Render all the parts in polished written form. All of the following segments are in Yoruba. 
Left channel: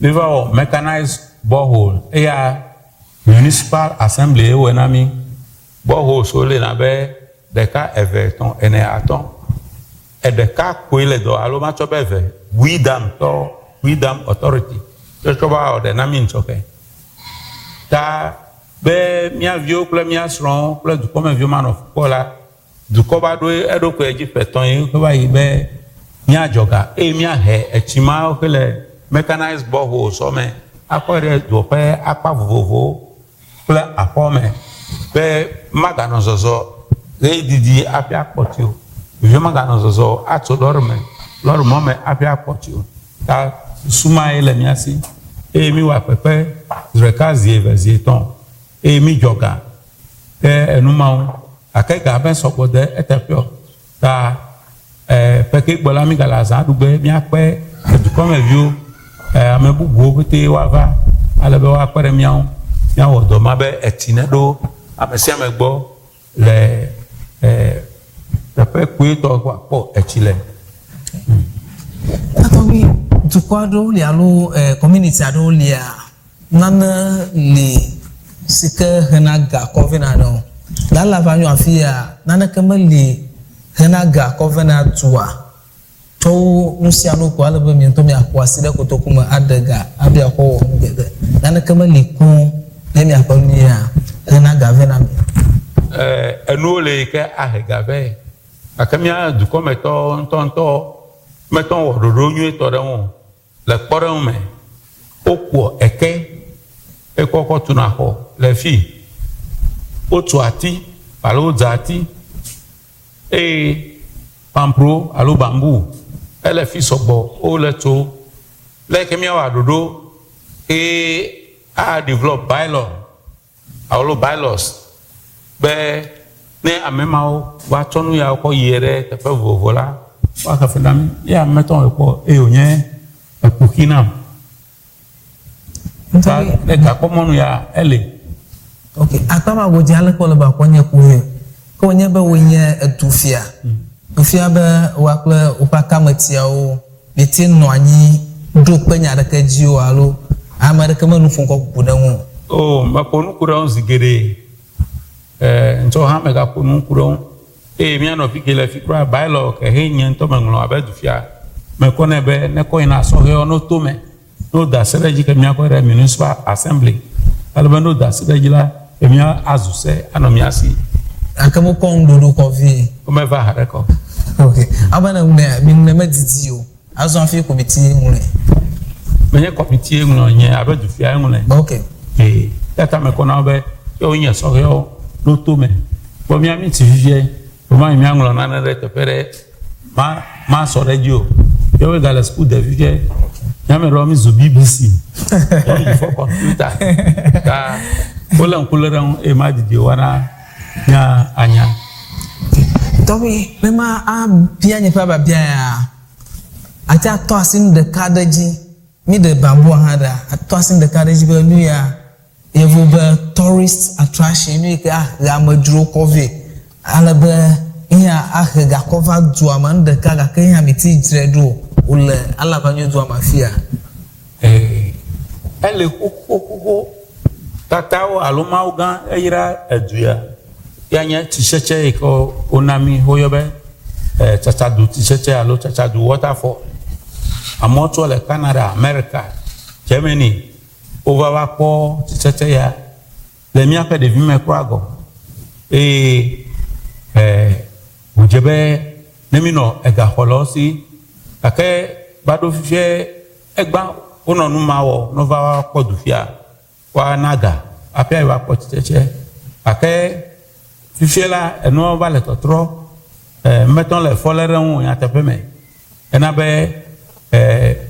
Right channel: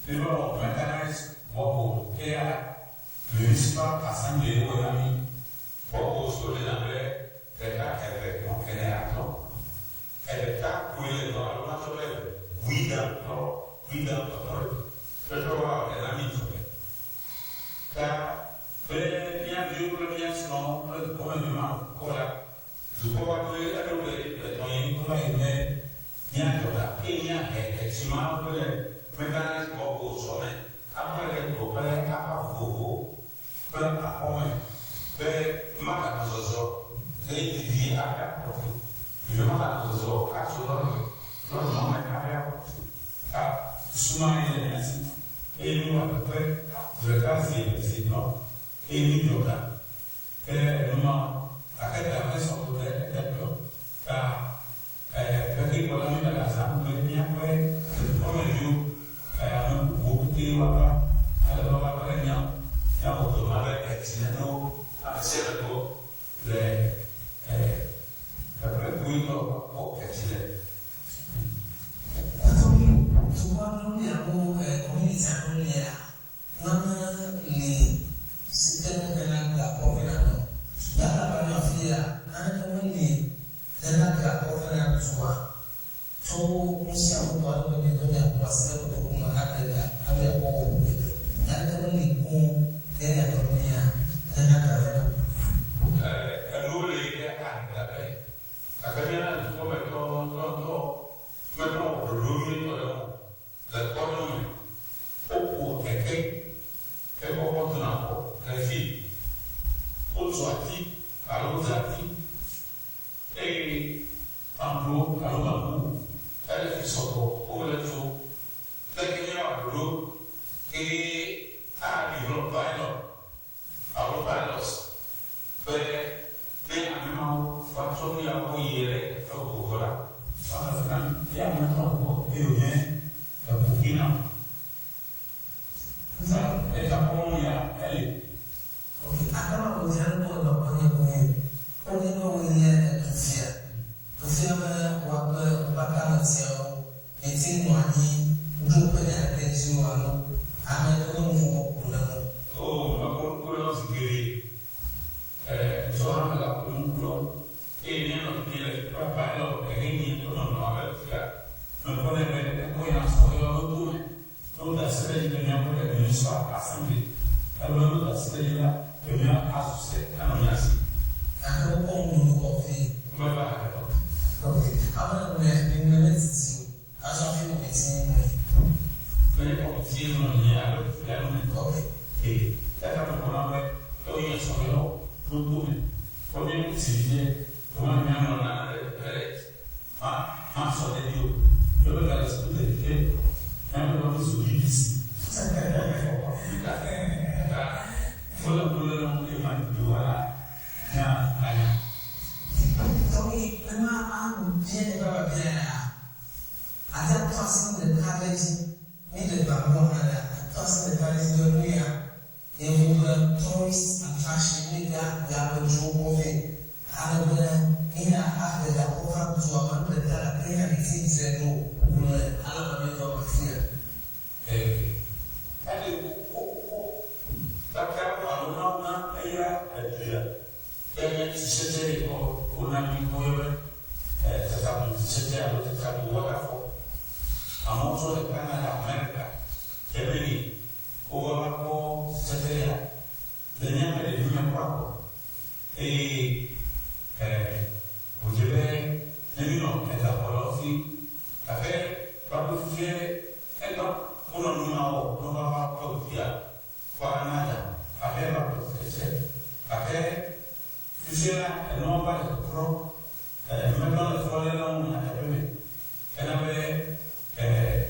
never mechanized borehole. Municipal assembly wenami borehole so le na be deka everton ene aton e deka koile do alo ma chope ve Widam authority to choba o de na mi nchoke ta be mia vio ple mia sron ple du comme vieux man of kola du ko ba do edo ko eji peton yi ko ba yi be mia joga mia he echima o kele mechanized borehole so me akore do pe apa vovo ple apome be magano zozo le didi apia potio vieux magano zozo ato lorme me apia potio ta suma ele miasi mi wa pepe zrekazi eveziton mi joga enuma akeka ben sokode etepio ta peke gbola mi gala za dugbe mi ape du comme vieux ame bubuwo te wa va alebe wa pere miawo miawo do mabe etine do amesi amegbo le pepe kuito kwa po etile atomi dukwado le alo community ado le nana le sike henaga covenant no la Alavanyo afia nana kemali henaga covenant tua to nusia no ko alebe mi to mi akwasi de kotokuma adaga abia ko ngede nana kemali ku na mi akwamia henaga covenant enu le ke ahega ve akamia du kometo ntonto meton wododo nyu to de won le kpore me okwo eke ekoko tuna ho le fi otu ati palo zati pampro alo bambou ele fi sobo o le to le kemia wadodo a develop bylaws be ne amemao wa tonu ya ko yere te fe vovola wa ka fendam ya meton ko onye ekukina ta le ka komonu ya ele okay atama go jale ko le ba ko nye kuwe ko nye be wonye etufia tufia be wa kle upaka matia o beti no anyi do penya da ka ji o alo amara ka manu fun ko kudan o ma ko nu kudan zigere nto ha me ga ko nu kudan mi ano fikele fikra bylaw ke henye nto manglo abedufia me ko ne be ne ko ina so he ono to me no da seleji ke mi akore municipal assembly alabando da seleji la mi azuse anomiasi akamo kon do ko vi o me va hare ko okay abana mi ne mediti o azo afi committee ngule me committee ngule nye abedufia ngule okay tata me ko na be yo nye so he no to me bo mi ami ti vie Comment il y a un an de repérer ma sorejo yo we gala school de vie ya me romi zo BBC for computer ka kola nkuleran e ma didi wana nya anya tobi mema a bia nyepa ba bia ya ata to asim de kadaji mi de bambo hada ato asim de kadaji ba nu ya evo ba tourist attraction ni ka ga maduro covid alabe iya ahega cover do amanda kaga kenya meti dredo ule Alavanyo do amafia ele kokoko tatao aluma uga eira eduya yanya ticheche ko onami hoyobe chachadu ticheche alo chachadu waterfall amoto le Canada America Germany over ko ticheche ya le mi ape de vime kwago ujebe nemino ega holosi ake bado fie egba ono nu mawo no va podufia wa naga apia wa poticheche ake fie la eno va le totro meton le folere won ya tepeme ena be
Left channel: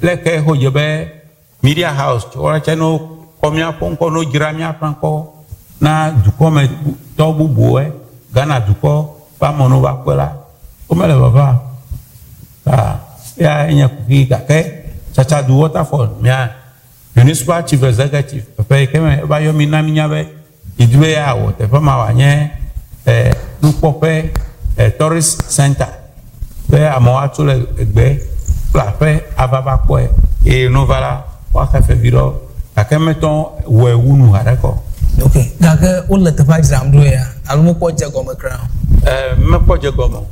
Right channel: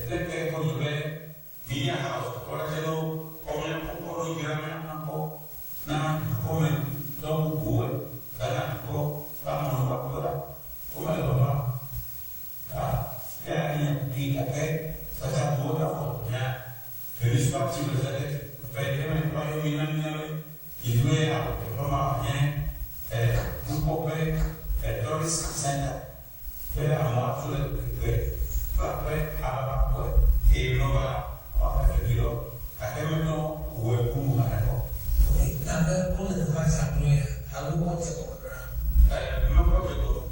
pleke hojebe media house ora cheno komia ponko no jiramia panko na dukome to bubuwo Ghana duko pa mono ba kwela o mele baba ya enya kuki ka ke chacha du waterfall mia municipal chief executive pe keme ba yo minami nyabe idwe ya wo te fa ma wanye du pope tourist center pe amo atule egbe pla pe ababa ko no vala aka fe biro aka meton we wunu hareko okay gaga o le tefa exam do ya alumo ko je gomo kra me ko je gomo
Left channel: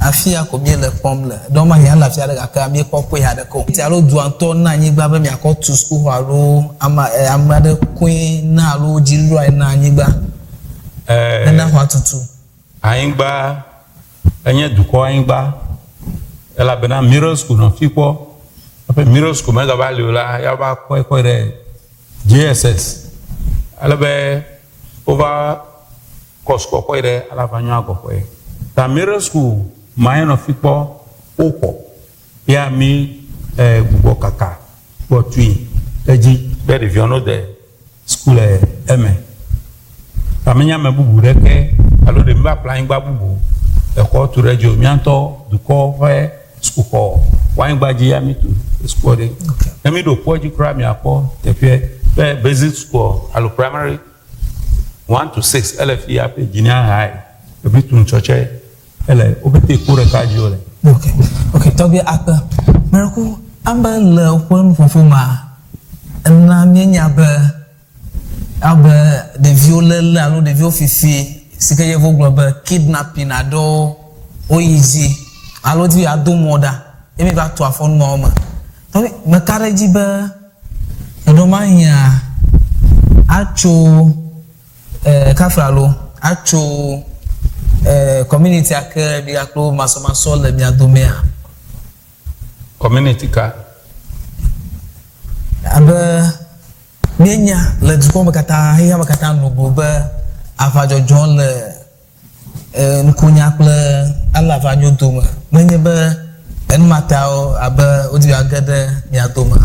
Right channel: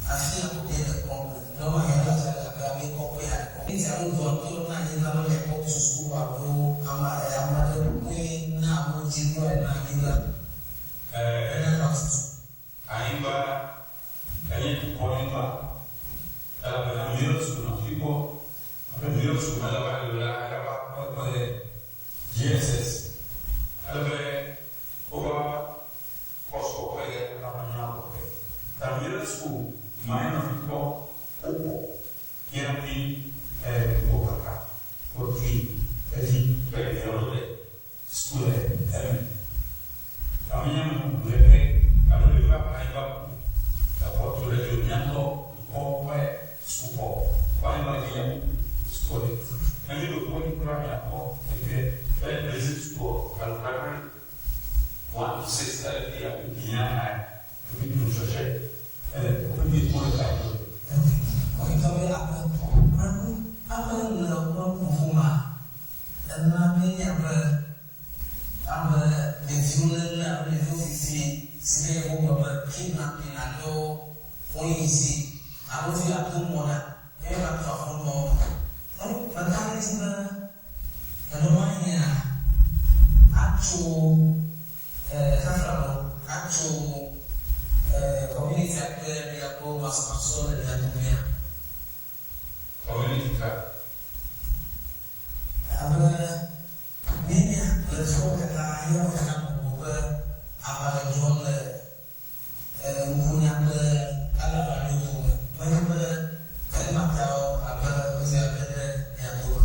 afia ko bi le pom le do ma ya la fia de aka mi ko ya de ko ti alo du anto na anyigba be mi akọ to school alo ama de queen na alo jiru ai na anyigba na ho atutu anyigba enye duko anyigba ela bena middle school no fipo ape middle school me ga ba le la ya ba ko de JSS ala be over kosko ko de Alavanyo ko ta middle school mine of fipo oko ya mi bubo kaka bo tui eji be review no de school eme amenya me bubu reke alo de mba plan gba bubu e ko tu rejo mi anto du ko he sukuxɔ wan gba ji ya mi tu school de emi do poji kra mi akọ te pe basic school alo primary 1 to 6 LF ya pe junior high e bi tun choche ele obete kure ka jo le okay tobi apa merako amba le kwon fofuma na mienya ba de violel alo de viofifi sika ye vo global kidnapping ado oyizi alo di ado moda emi ba to afon mo ma tobi makareji ba edo mahia acho kafralo acho community aka bi aklo masomaso le mi adomea community ka aba mienya le duko makata nugo ba afajojon le nkunya kple Alavanyo doma menye ba en matao aba odi agade mi adoma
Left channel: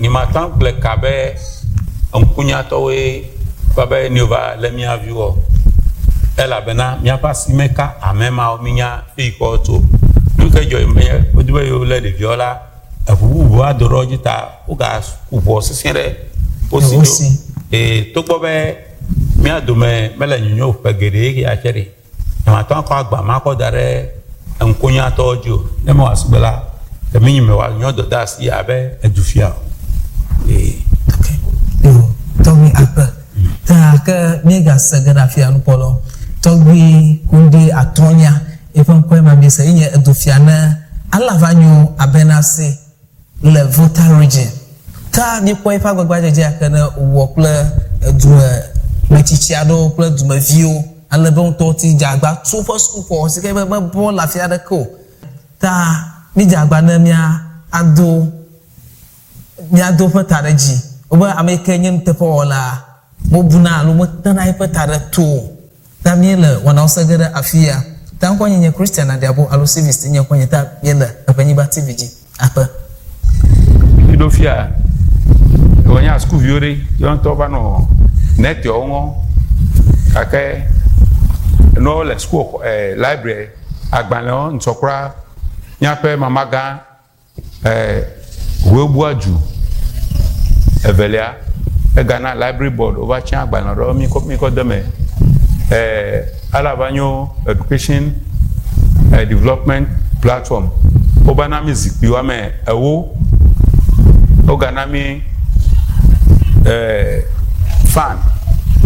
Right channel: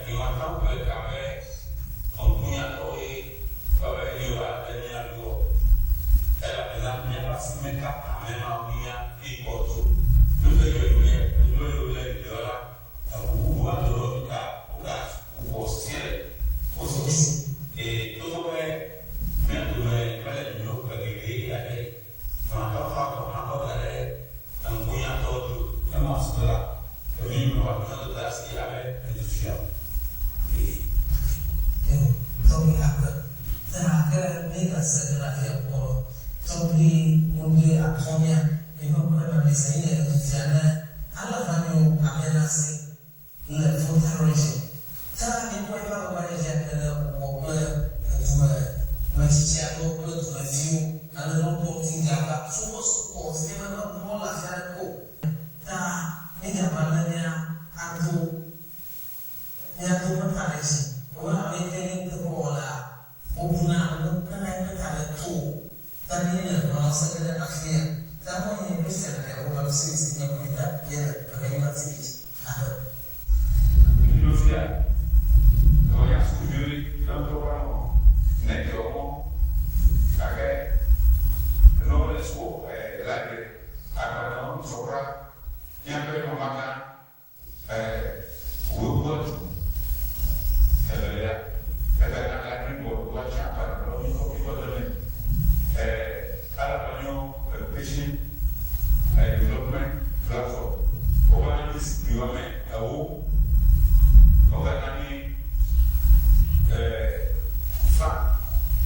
ni matan kple ka be nkunya towe ba be ni va le mi aviwo ela bena mi apasi meka amema minya iko to nuke joy me odiwe yo le de viola afubu adoro jita uga ubo sisere osi to gbo be mi adome mele nyunyo pegere ya chere ma tan ko agba ma ko dare nkunya tojo e mo asbela ke mi me wa nyodo das ya be edufia okay to mi apa ta ka mega sagrafia no polo togbi kunde atonya ifan kwa ma bisa inye edufia na Alavanyo abenase le voter region ta ni kwa ifa gbagba jeje akana wo ple du mechichiado ple dumeviwo alebon to ti jagba to for school for sike be bo la fia de ko ta ni jagba na mia ado patareji oba ameke nyem te po la mo buna lo mo tana ipatare to ta miele wana osagere afia ta nkwanye nye Christian na diabo alo service nye kwanye ta miele Ewenyigba TVG apa idofia wonya school viore yon to ba no net yo ngo ake no le school library agbanle nsokra nyape mamaga webuaju evelia Ghana library board over chan agbanle ro mi ko deme Alavanyo education development platform obana music biwa me ewo oganami fan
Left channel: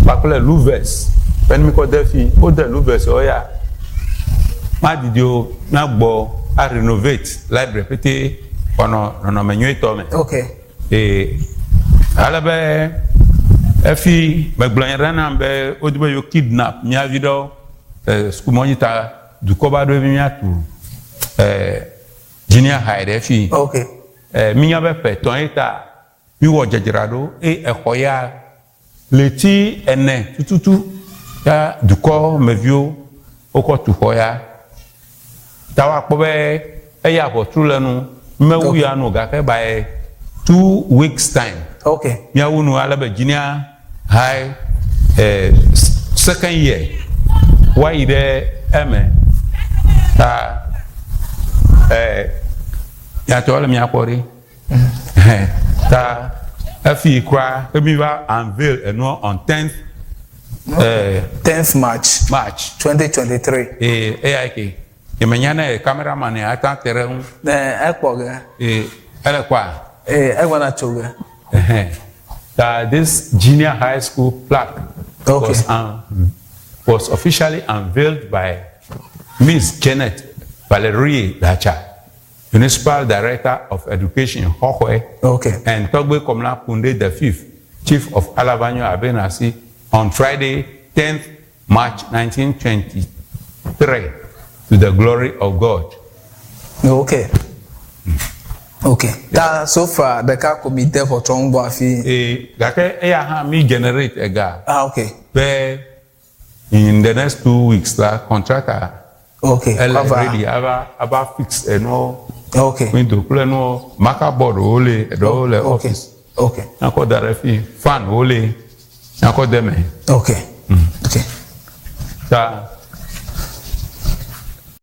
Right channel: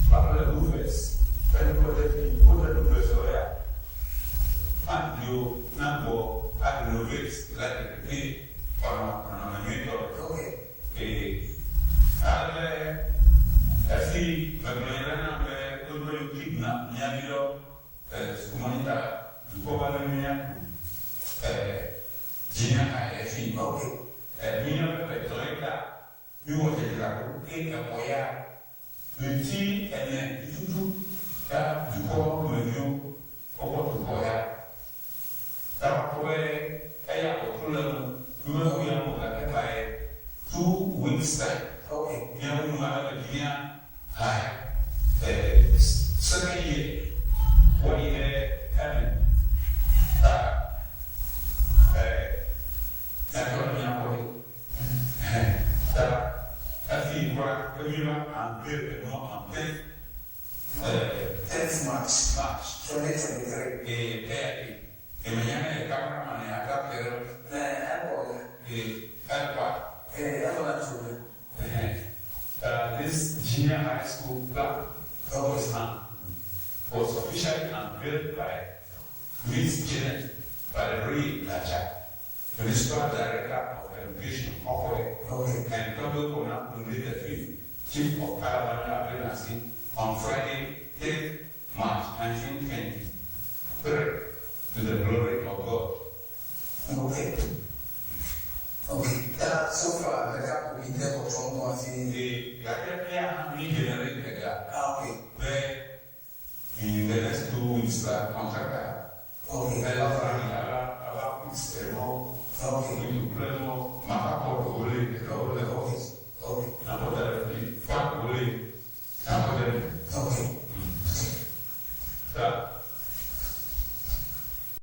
pakle louvers pen mi ko defi o de louvers oya ma didio na gbo a renovate library pete ono menyo ito me okay alabe efi megblanya rana be odibe yo kidnap nya video school monitor du ko ba do bi nya tu junior high efi okay minya be pe ton eta mi wo jejirado ekoya leti ene tututu ya du ko mevio oko tu hoya tawa po be eya ko trulenu mewu ya no ga ke by 2 weeks time okay mia wonu ala be junior high second year why there ta ya to le mi akori ta afi kra mi va unveil eno on 10th March 2023 AIK e mañana cameraman ata terrain ekwoga ele kwa Ewenyigba. That this junior high school plaque was officially unveiled by Miss Janet Valerie Dacha, Municipal Director of Education, Hohwe, and Togbe Komla Kunde the Fifth, Chief of Alavanyo Abenasi, on Friday, 10th March 1923, to the glory of God. Okay. That so far the car committee for Chongbo Afi. Me generate a guy. Okay. Where in the next 2 weeks, the contractor. Already about fix and all. Window plan no marker board only the whole office. I call that fan only. I call them. Okay.